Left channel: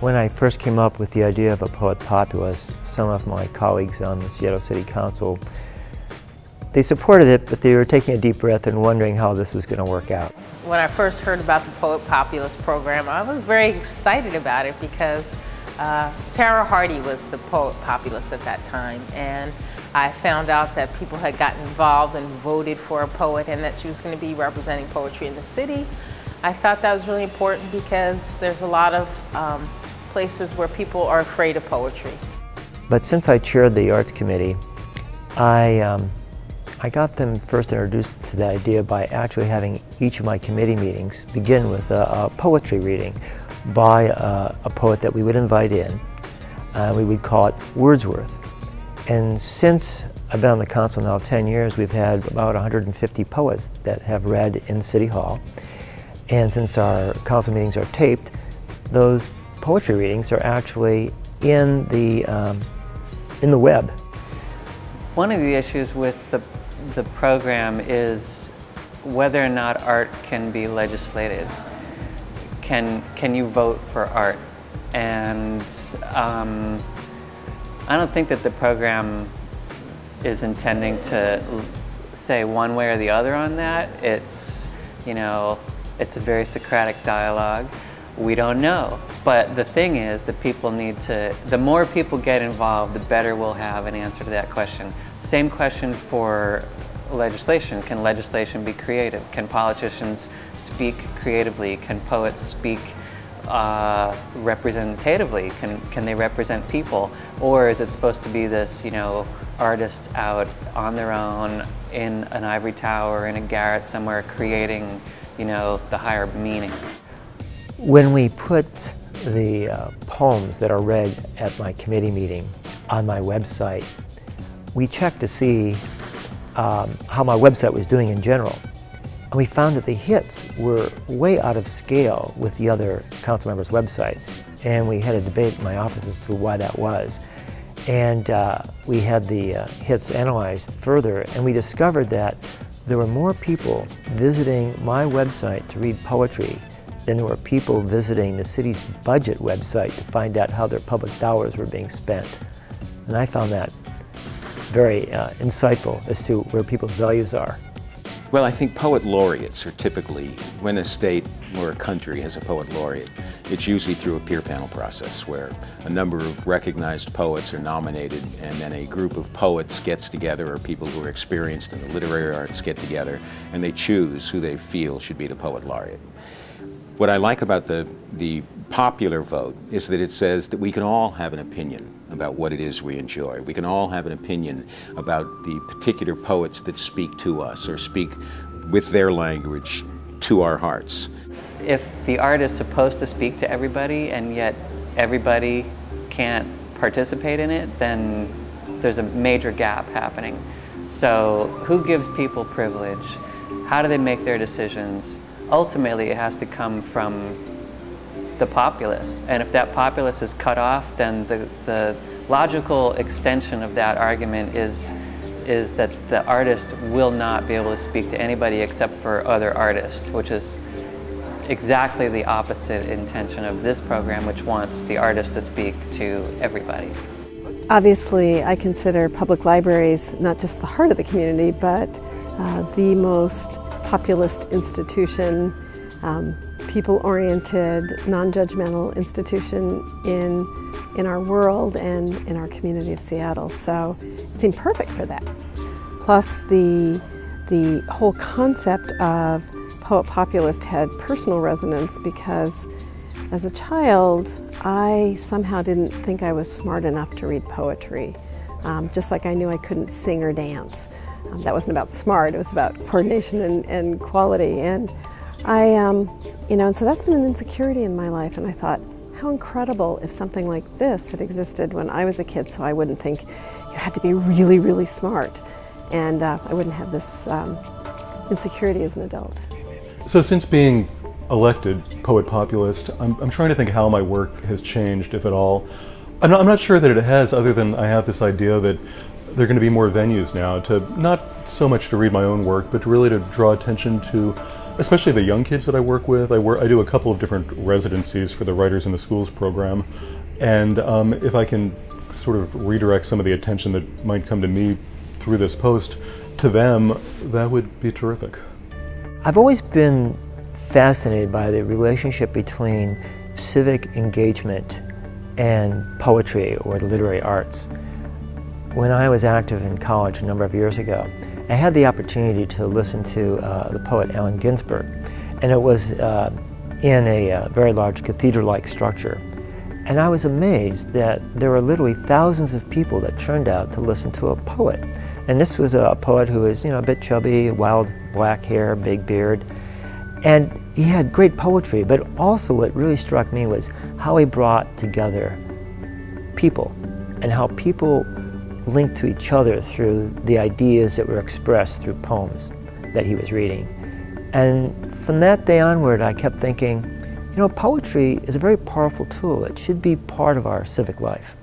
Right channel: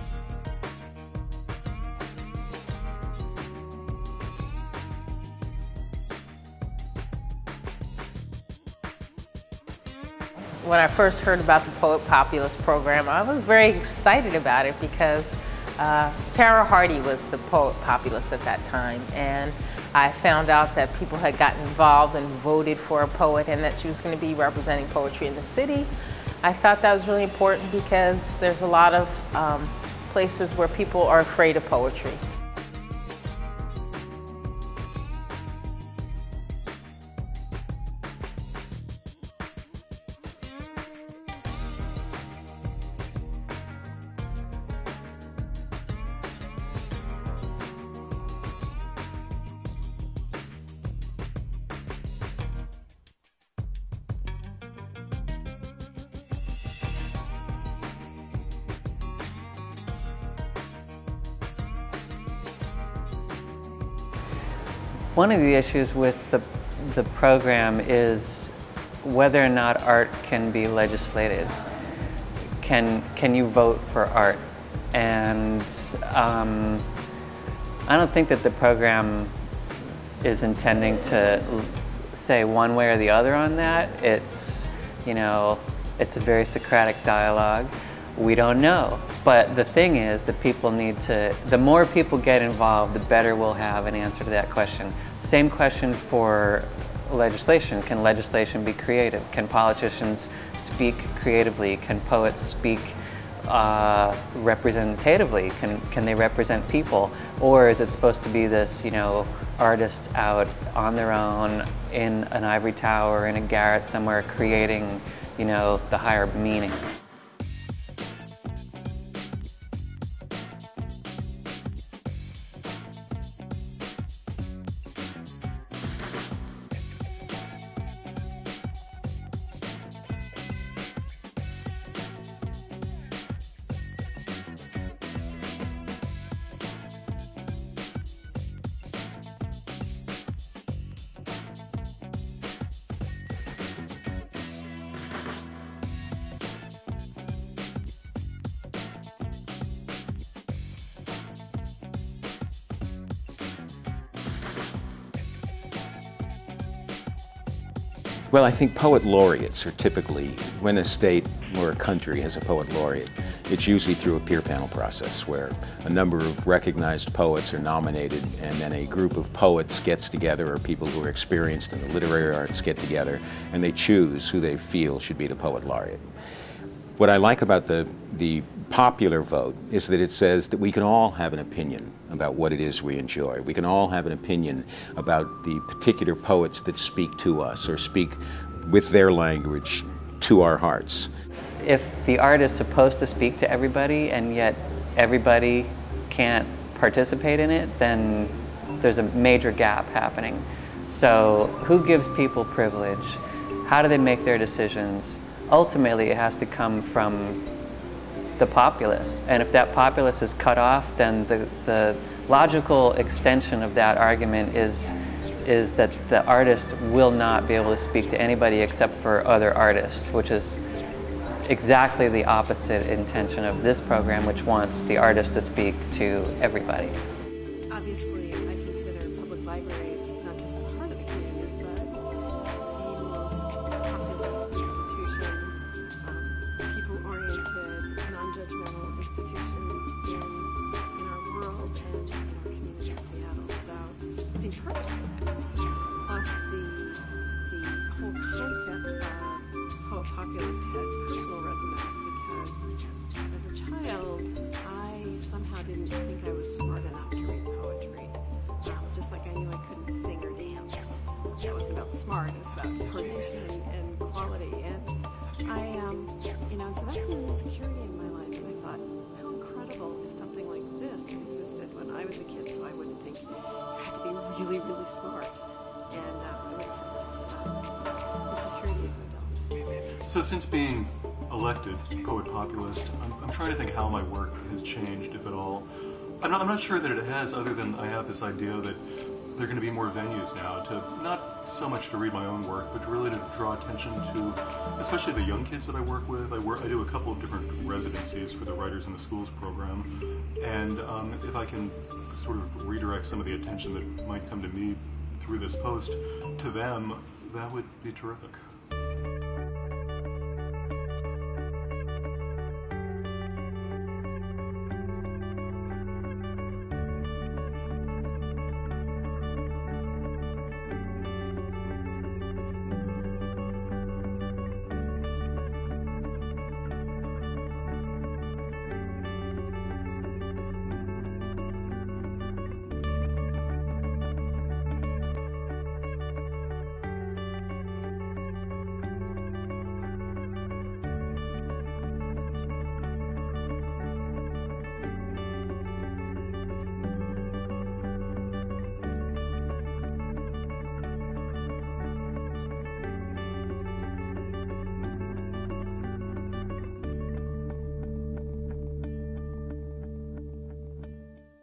When I first came up with the idea of a poet populist, some of my colleagues on the Seattle City Council, they supported it, but they were taking a deep breath and wondering how this was going to work out. When I first heard about the Poet Populist program, I was very excited about it because Tara Hardy was the Poet Populist at that time, and I found out that people had gotten involved and voted for a poet and that she was going to be representing poetry in the city. I thought that was really important because there's a lot of places where people are afraid of poetry. But since I chaired the Arts Committee, I got them first introduced to the idea by actually having each of my committee meetings begin with a poetry reading by a poet that we would invite in. We would call it Wordsworth. And since I've been on the council now 10 years, we've had about 150 poets that have read in City Hall. And since our council meetings are taped, those poetry readings are actually in the web. One of the issues with the program is whether or not art can be legislated. Can you vote for art? And I don't think that the program is intending to say one way or the other on that. It's, you know, it's a very Socratic dialogue. We don't know. But the thing is that people need to, the more people get involved, the better we'll have an answer to that question. Same question for legislation. Can legislation be creative? Can politicians speak creatively? Can poets speak representatively? Can they represent people? Or is it supposed to be this, you know, artists out on their own in an ivory tower, in a garret somewhere, creating, you know, the higher meaning? When we put the poems that are read at my committee meeting on my website, we checked to see how my website was doing in general. And we found that the hits were way out of scale with the other council members' websites. And we had a debate in my office as to why that was. And we had the hits analyzed further, and we discovered that there were more people visiting my website to read poetry than there were people visiting the city's budget website to find out how their public dollars were being spent. And I found that very insightful as to where people's values are. Well, I think poet laureates are typically, when a state or a country has a poet laureate, it's usually through a peer panel process where a number of recognized poets are nominated, and then a group of poets gets together, or people who are experienced in the literary arts get together, and they choose who they feel should be the poet laureate. What I like about the popular vote is that it says that we can all have an opinion about what it is we enjoy. We can all have an opinion about the particular poets that speak to us or speak with their language to our hearts. If the art is supposed to speak to everybody and yet everybody can't participate in it, then there's a major gap happening. So who gives people privilege? How do they make their decisions? Ultimately, it has to come from the populace. And if that populace is cut off, then the logical extension of that argument is that the artist will not be able to speak to anybody except for other artists, which is exactly the opposite intention of this program, which wants the artist to speak to everybody. Obviously, I consider public libraries not just the heart of the community, but the most populist institution, people-oriented, non-judgmental institution in our world and in our community of Seattle. So it seemed perfect for that. Plus the whole concept of Poet Populist had personal resonance because as a child, I somehow didn't think I was smart enough to read poetry, just like I knew I couldn't sing or dance. That wasn't about smart, it was about coordination and quality. And and so that's been an insecurity in my life, and I thought, how incredible if something like this had existed when I was a kid, so I wouldn't think you had to be really, really smart, and I wouldn't have this insecurity as an adult. So since being elected Poet Populist, I'm trying to think how my work has changed, if at all. I'm not sure that it has, other than I have this idea that there are going to be more venues now, to not so much to read my own work, but really to draw attention to especially the young kids that I work with. I do a couple of different residencies for the Writers in the Schools program, and if I can sort of redirect some of the attention that might come to me through this post to them, that would be terrific. I've always been fascinated by the relationship between civic engagement and poetry or the literary arts. When I was active in college a number of years ago, I had the opportunity to listen to the poet Allen Ginsberg, and it was in a very large cathedral-like structure. And I was amazed that there were literally thousands of people that turned out to listen to a poet. And this was a poet who was, a bit chubby, wild black hair, big beard. And he had great poetry, but also what really struck me was how he brought together people and how people linked to each other through the ideas that were expressed through poems that he was reading. And from that day onward, I kept thinking, poetry is a very powerful tool. It should be part of our civic life.